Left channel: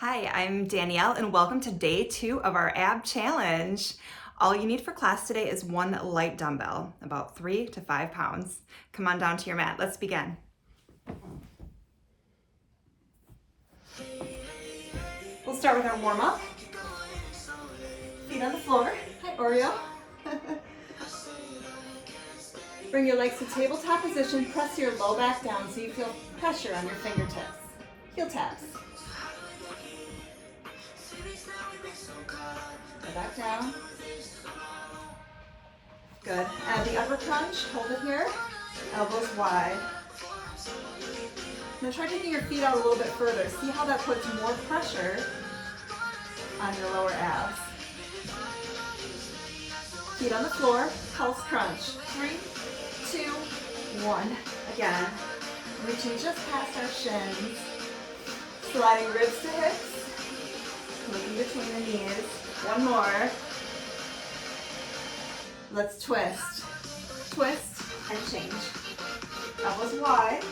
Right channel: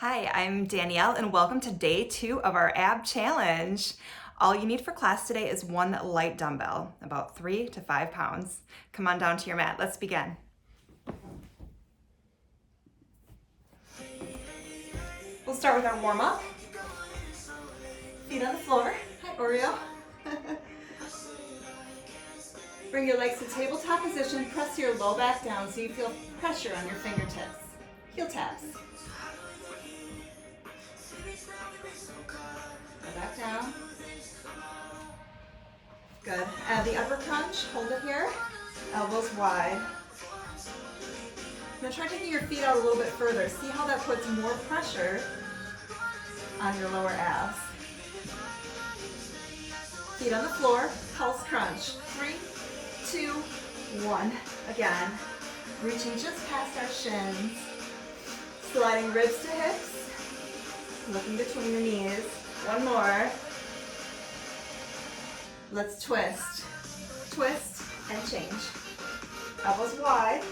Hi, I'm Danielle and welcome to day 2 of our ab challenge. All you need for class today is one light dumbbell, about 3 to 5 pounds. Come on down to your mat, let's begin. We'll start with our warm up. Feet on the floor. Hi, Oreo. Bring your legs to tabletop position, press your low back down so you feel pressure on your fingertips. Heel taps. Go back down. Good. Add the upper crunch, hold it here, elbows wide. Now try taking your feet out a little bit further. See how that puts more pressure on your lower abs. Feet on the floor, pulse crunch. 3, 2, 1. Again, reaching just past our shins. Sliding ribs to hips. Looking between the knees. One more. Let's twist. Twist and change. Elbows wide.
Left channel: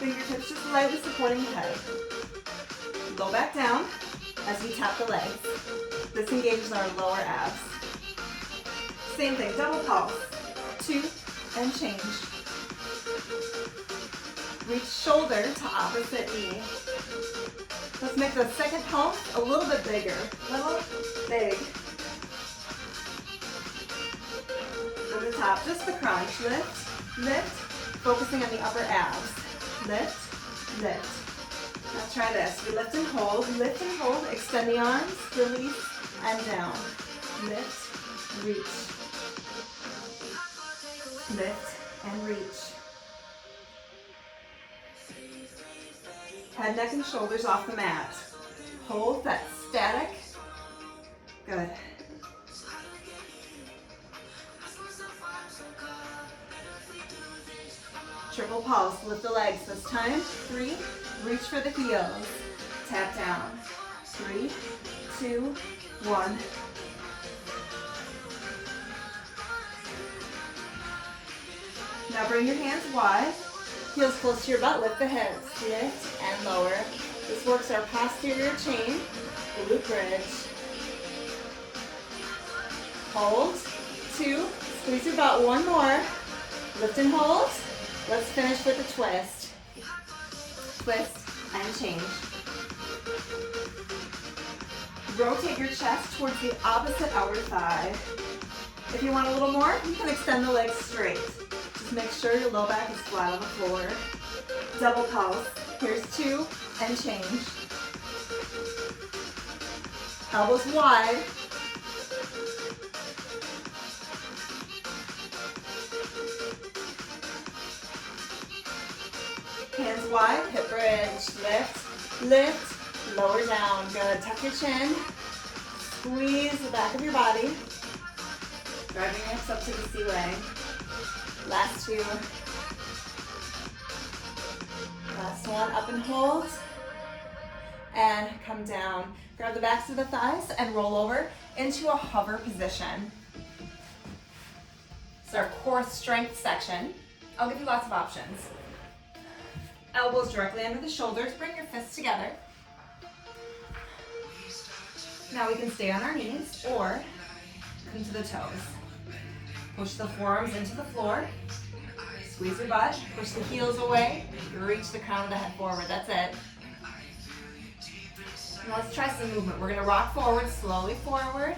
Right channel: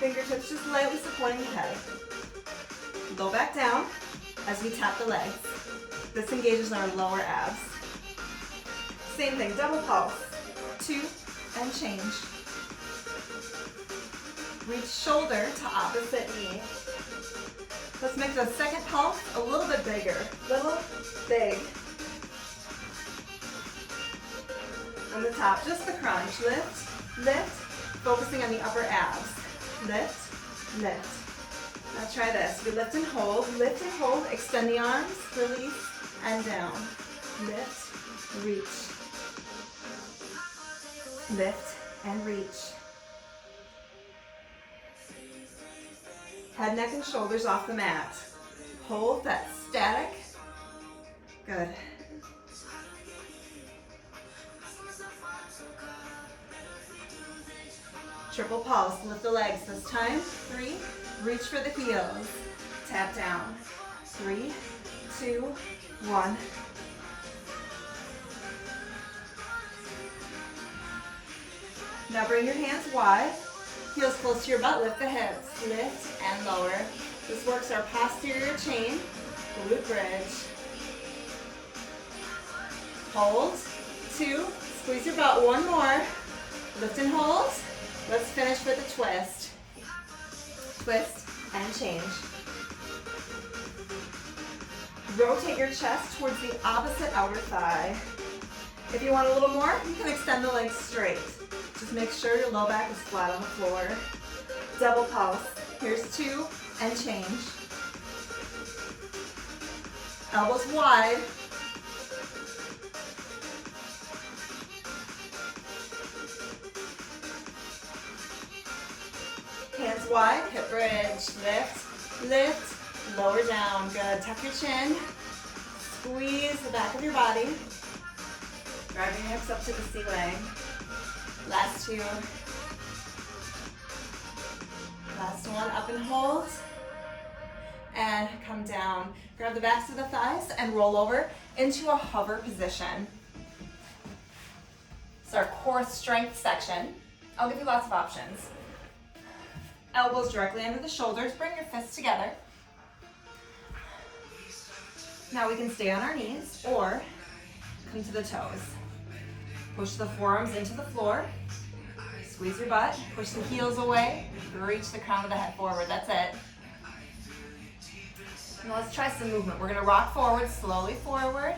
Fingertips just lightly supporting the head. Low back down as we tap the legs. This engages our lower abs. Same thing, double pulse. 2 and change. Reach shoulder to opposite knee. Let's make the second pulse a little bit bigger. Little, big. From the top, just the crunch. Lift, lift, focusing on the upper abs. Lift, lift. Now try this. We lift and hold, extend the arms, release, and down. Lift, reach. Lift and reach. Head, neck, and shoulders off the mat. Hold that static. Good. Triple pulse, lift the legs this time. 3, reach for the heels. Tap down. 3, 2, 1. Now bring your hands wide. Heels close to your butt, lift the hips. Lift and lower. This works our posterior chain, glute bridge. Hold. 2, squeeze your butt. One more. Lift and hold. Let's finish with a twist. Twist and change. Rotate your chest towards the opposite outer thigh. If you want a little more, you can extend the legs straight. Just make sure your low back is flat on the floor. Double pulse. Here's 2 and change. Elbows wide. Hands wide, hip bridge. Lift, lift, lower down. Good. Tuck your chin. Squeeze the back of your body. Drive your hips up to the ceiling. Last 2. Last one, up and hold. And come down. Grab the backs of the thighs and roll over into a hover position. It's our core strength section. I'll give you lots of options. Elbows directly under the shoulders. Bring your fists together. Now we can stay on our knees or come to the toes. Push the forearms into the floor. Squeeze your butt. Push the heels away. Reach the crown of the head forward. That's it. Now let's try some movement. We're going to rock forward, slowly forward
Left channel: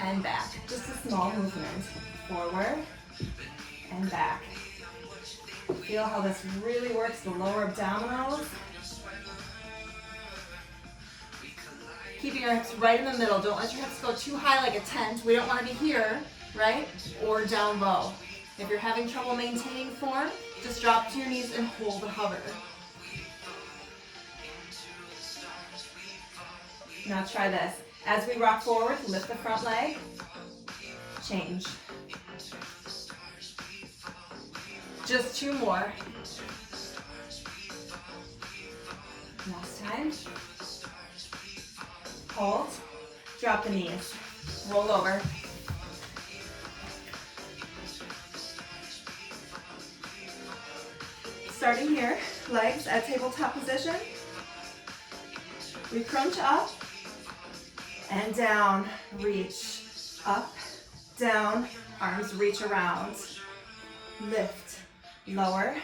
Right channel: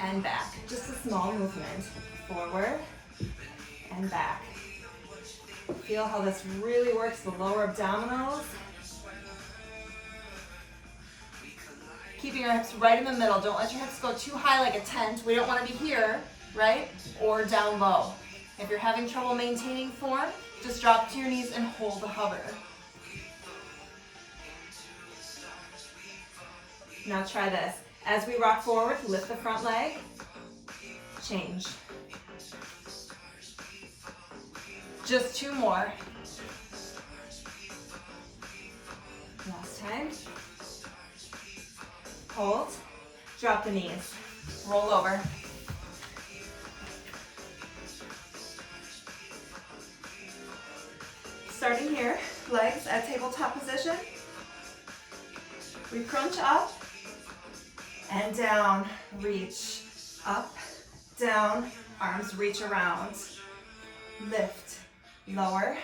and back. Just a small movement. Forward and back. Feel how this really works the lower abdominals. Keeping your hips right in the middle. Don't let your hips go too high like a tent. We don't want to be here, right? Or down low. If you're having trouble maintaining form, just drop to your knees and hold the hover. Now try this. As we rock forward, lift the front leg. Change. Just 2 more. Last time. Hold. Drop the knees. Roll over. Starting here, legs at tabletop position. We crunch up and down, reach, up, down, arms reach around, lift, lower,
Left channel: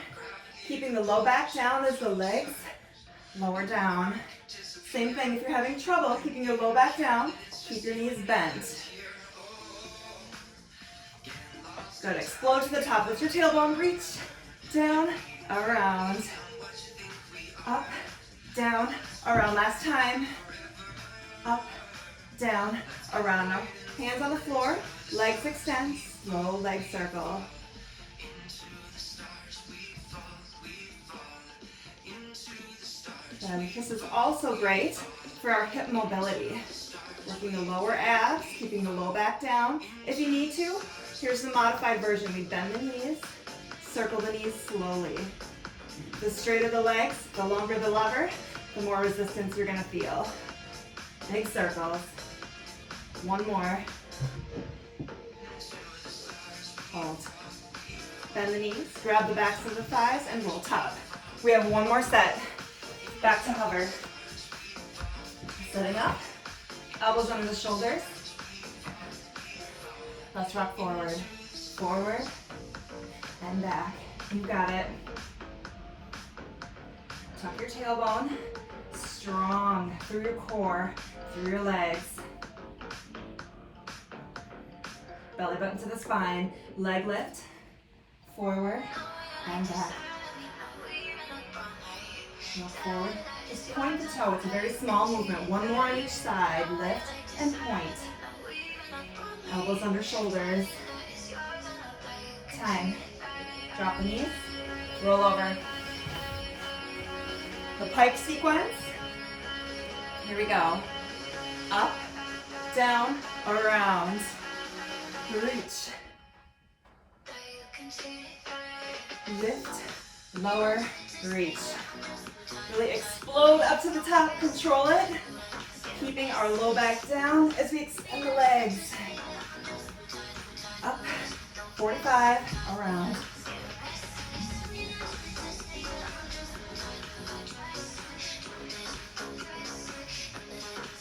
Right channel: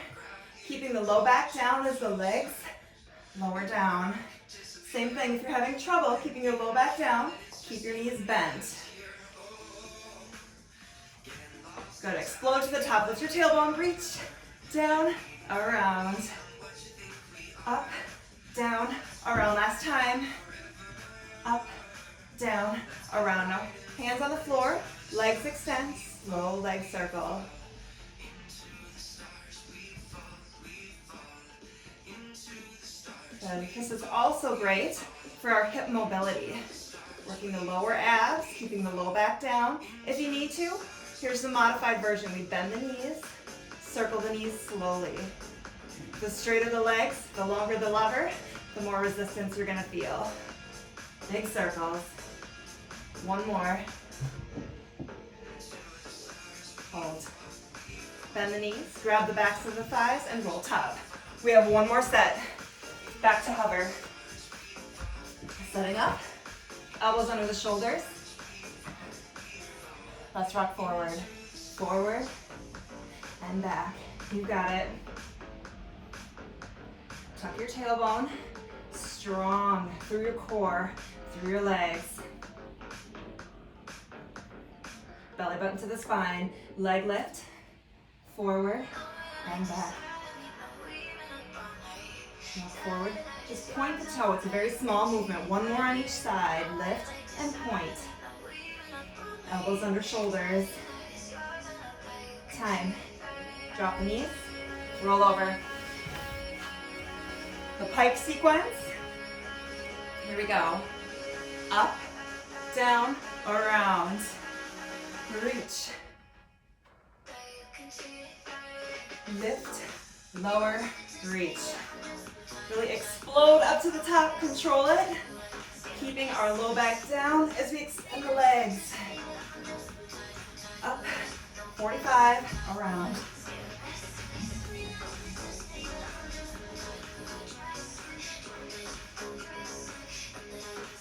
keeping the low back down as the legs lower down. Same thing if you're having trouble keeping your low back down, keep your knees bent. Good, explode to the top, lift your tailbone, reach, down, around, up, down, around, last time, up, down, around. Now, hands on the floor, legs extend, slow leg circle. Then this is also great for our hip mobility. Working the lower abs, keeping the low back down. If you need to, here's the modified version. We bend the knees, circle the knees slowly. The straighter the legs, the longer the lever, the more resistance you're gonna feel. Big circles. One more. Hold. Bend the knees, grab the backs of the thighs, and roll top. We have one more set. Back to hover. Setting up. Elbows under the shoulders. Let's rock forward. Forward and back. You got it. Tuck your tailbone. Strong through your core, through your legs. Belly button to the spine. Leg lift. Forward and back. Look forward. Just point the toe. It's a very small movement. One more on each side. Lift and point. Elbows under shoulders. Time. Drop the knees. Roll over. The pike sequence. Here we go. Up, down, around. Reach. Lift, lower, reach. Really explode up to the top, control it. Keeping our low back down as we extend the legs. Up, 45, around.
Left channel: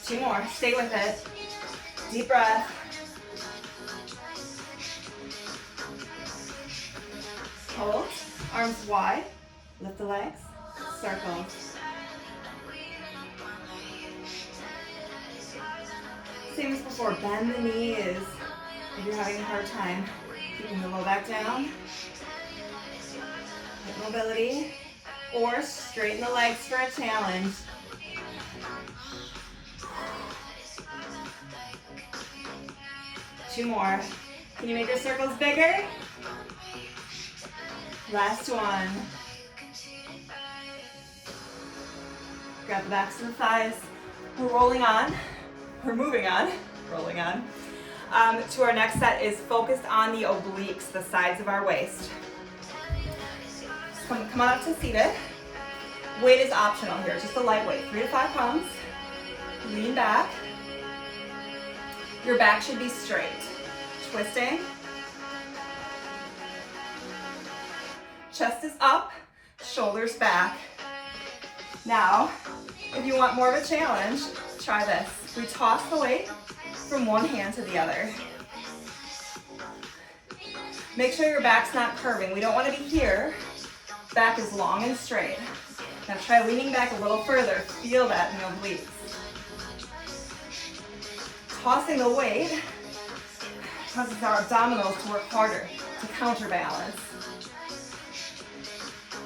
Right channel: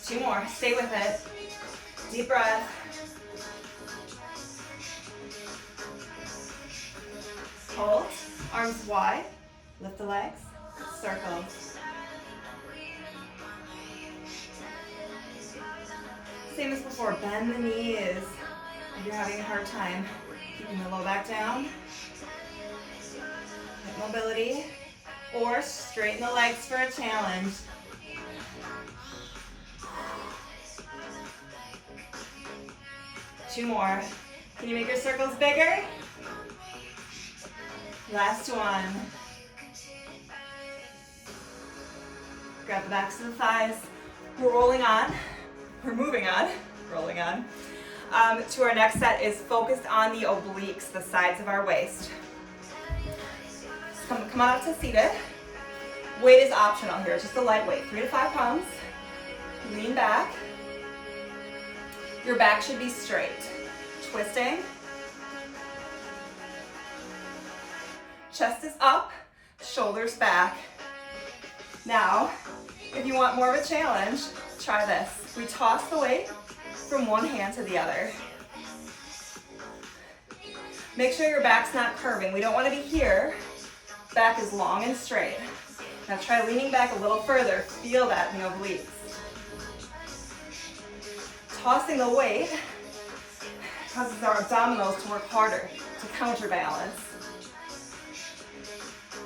Two more, stay with it. Deep breath. Hold, arms wide, lift the legs, circle. Same as before, bend the knees if you're having a hard time keeping the low back down. Hip mobility, or straighten the legs for a challenge. Two more. Can you make your circles bigger? Last one. Grab the backs of the thighs. We're rolling on. We're moving on. Rolling on. To our next set is focused on the obliques, the sides of our waist. Come on up to seated. Weight is optional here, just a light weight, 3 to 5 pounds. Lean back. Your back should be straight. Twisting. Chest is up, shoulders back. Now, if you want more of a challenge, try this. We toss the weight from one hand to the other. Make sure your back's not curving. We don't want to be here. Back is long and straight. Now try leaning back a little further. Feel that in the obliques. Tossing the weight causes our abdominals to work harder to counterbalance.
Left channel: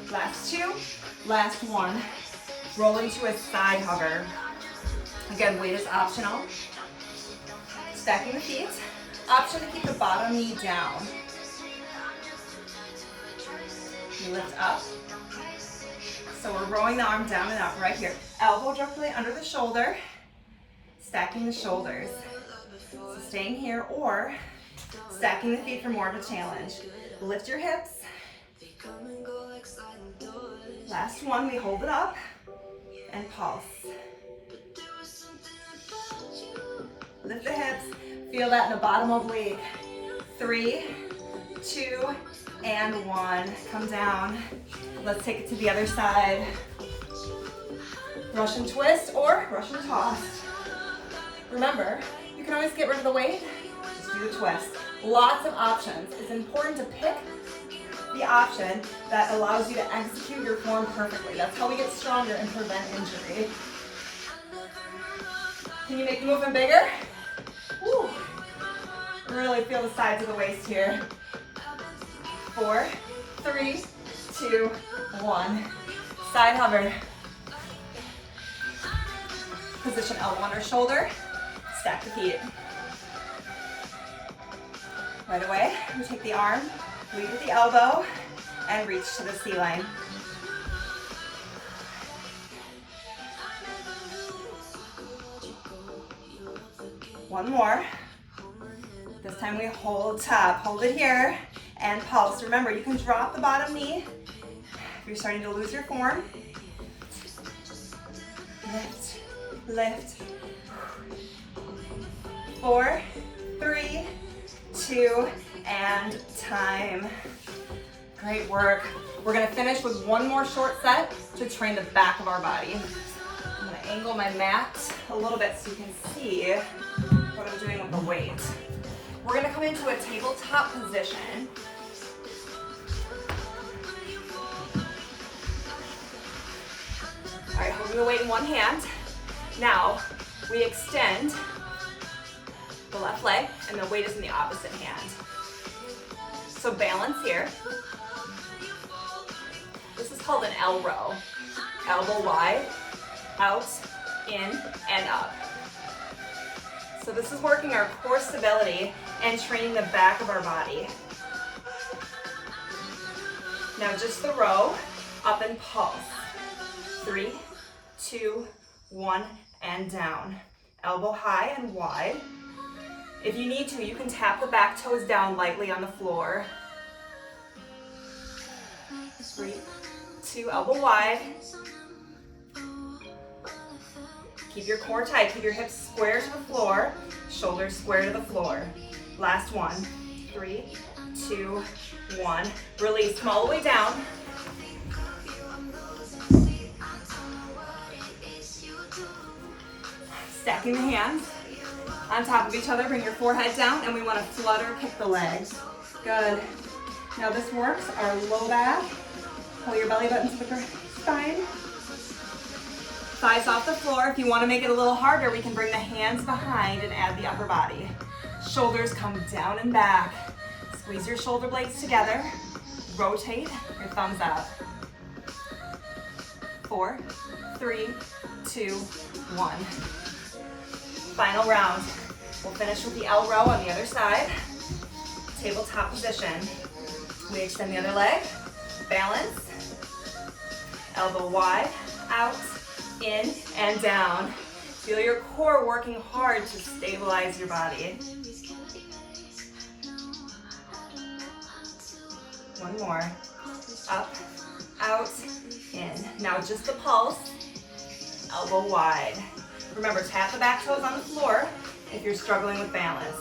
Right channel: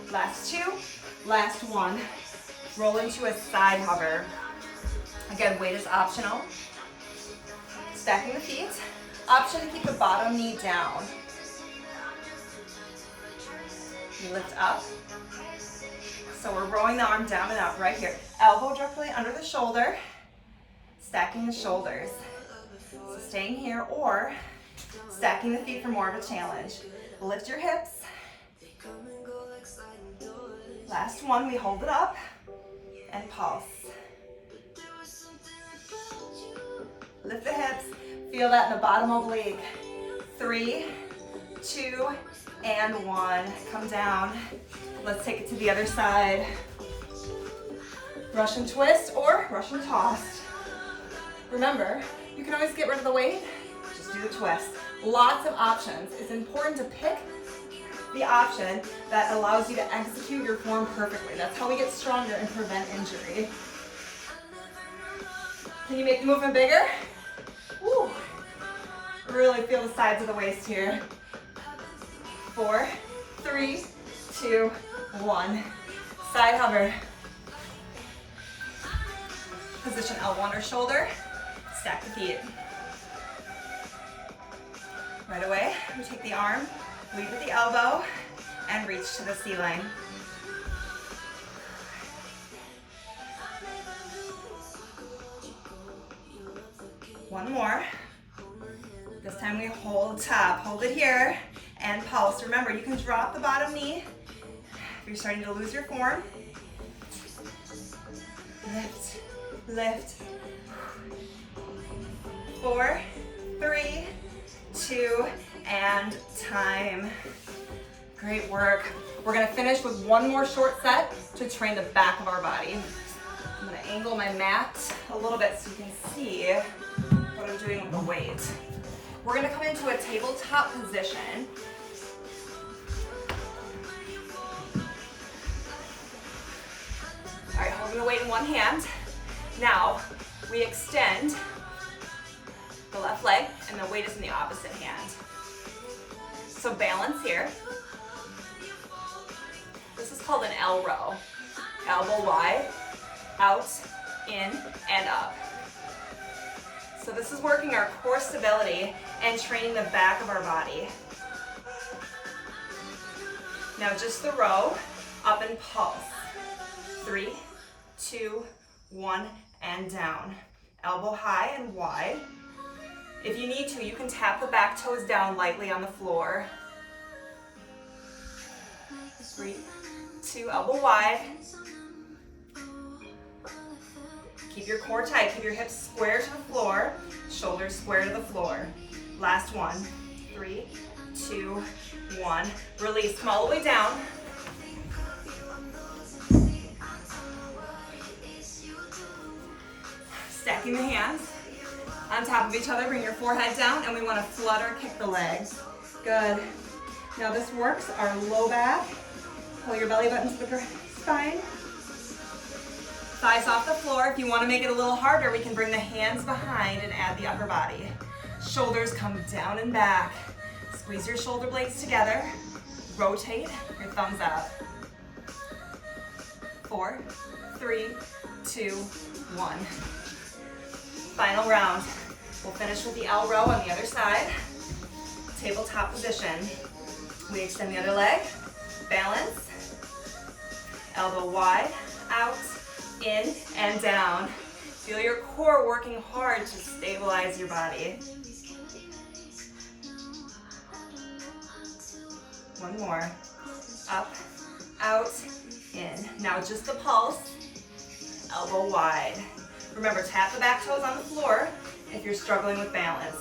Last two, last one. Roll into a side hover. Again, weight is optional. Stacking the feet. Option to keep the bottom knee down. You lift up. So we're rolling the arm down and up right here. Elbow directly under the shoulder. Stacking the shoulders. So staying here or stacking the feet for more of a challenge. Lift your hips. Last one, we hold it up and pulse. Lift the hips. Feel that in the bottom oblique. 3, 2, and 1. Come down. Let's take it to the other side. Russian twist or Russian toss. Remember, you can always get rid of the weight, just do the twist. Lots of options. It's important to pick the option that allows you to execute your form perfectly. That's how we get stronger and prevent injury. Can you make the movement bigger? Woo. Really feel the sides of the waist here. 4, 3, 2, 1. Side hover. Position elbow under shoulder. Stack the feet. Right away, we take the arm, lead with the elbow, and reach to the ceiling. One more. This time we hold top, hold it here, and pulse. Remember, you can drop the bottom knee if you're starting to lose your form. Lift, lift. 4, 3, 2, and time. Great work. We're gonna finish with one more short set to train the back of our body. I'm gonna angle my mat a little bit so you can see what I'm doing with the weight. We're gonna come into a tabletop position. All right, holding the weight in one hand. Now, we extend the left leg and the weight is in the opposite hand. So balance here. This is called an L row. Elbow wide, out, in, and up. So this is working our core stability and training the back of our body. Now just the row, up and pulse. 3, 2, 1, and down. Elbow high and wide. If you need to, you can tap the back toes down lightly on the floor. 3, 2, elbow wide. Keep your core tight, keep your hips square to the floor, shoulders square to the floor. Last one. 3, 2, 1. Release, come all the way down. Stacking the hands on top of each other, bring your forehead down, and we want to flutter kick the legs. Good. Now this works our low back. Pull your belly button to the spine. Thighs off the floor. If you want to make it a little harder, we can bring the hands behind and add the upper body. Shoulders come down and back. Squeeze your shoulder blades together. Rotate your thumbs up. 4, 3, 2, 1. Final round. We'll finish with the L row on the other side. Tabletop position. We extend the other leg. Balance. Elbow wide, out, in, and down. Feel your core working hard to stabilize your body. One more. Up, out, in. Now just the pulse. Elbow wide. Remember, tap the back toes on the floor if you're struggling with balance.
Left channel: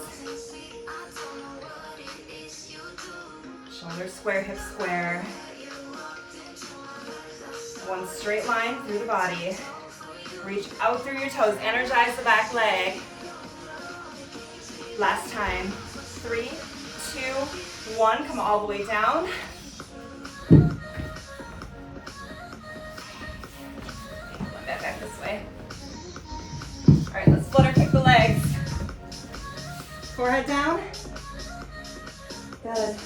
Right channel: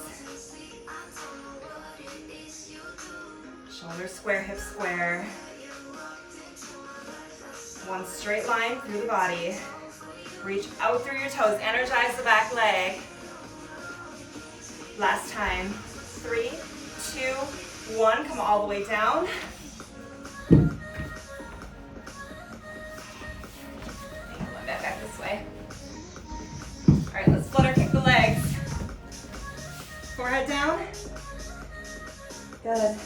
Shoulders square, hips square. One straight line through the body. Reach out through your toes. Energize the back leg. Last time. 3, 2, 1. Come all the way down. One back this way. All right, let's flutter kick the legs. Forehead down. Good.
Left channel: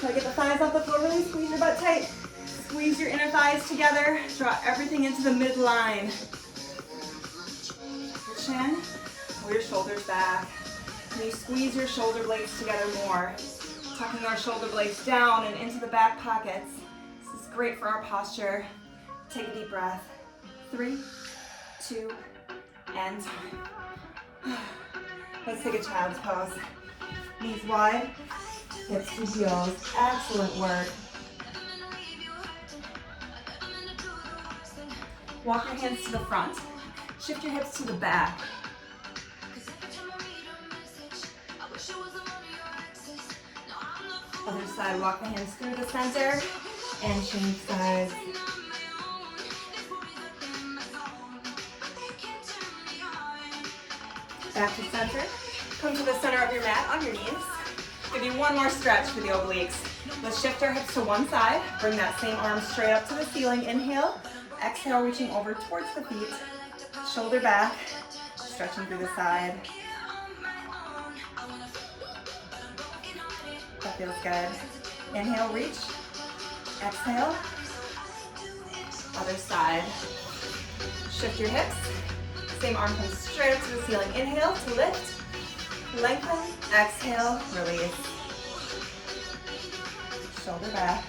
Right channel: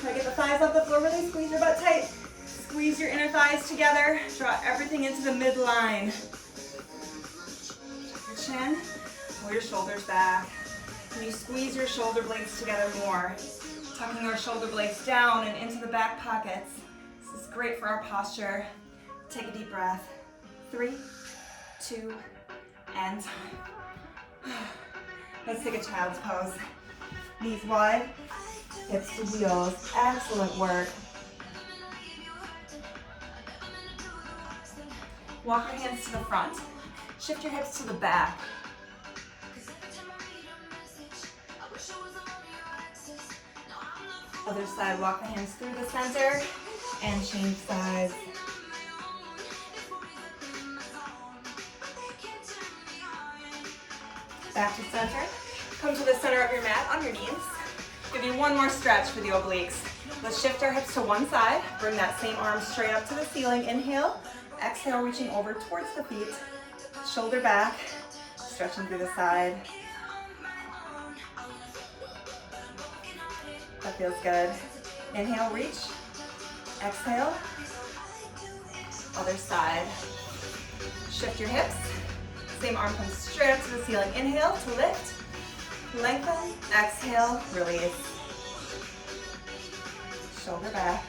Try to get the thighs off the floor. Really squeeze your butt tight. Squeeze your inner thighs together. Draw everything into the midline. Your chin. Pull your shoulders back. Can you squeeze your shoulder blades together more? Tucking our shoulder blades down and into the back pockets. This is great for our posture. Take a deep breath. 3, 2, and time. Let's take a child's pose. Knees wide, hips to heels. Excellent work. Walk your hands to the front. Shift your hips to the back. Other side, walk the hands through the center and change sides. Back to center. Come to the center of your mat on your knees. Give you one more stretch for the obliques. Let's shift our hips to one side. Bring that same arm straight up to the ceiling. Inhale. Exhale, reaching over towards the feet. Shoulder back. Stretching through the side. That feels good. Inhale, reach. Exhale. Other side. Shift your hips. Same arm comes straight up to the ceiling. Inhale to lift. Lengthen. Exhale, release. Shoulder back.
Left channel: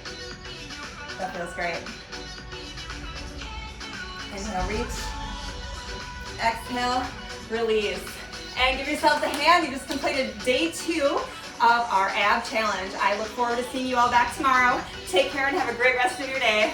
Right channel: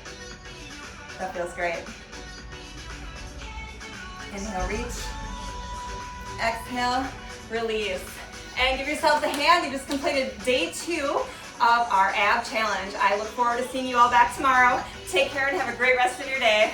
That feels great. Inhale, reach. Exhale, release. And give yourselves a hand. You just completed day 2 of our ab challenge. I look forward to seeing you all back tomorrow. Take care and have a great rest of your day.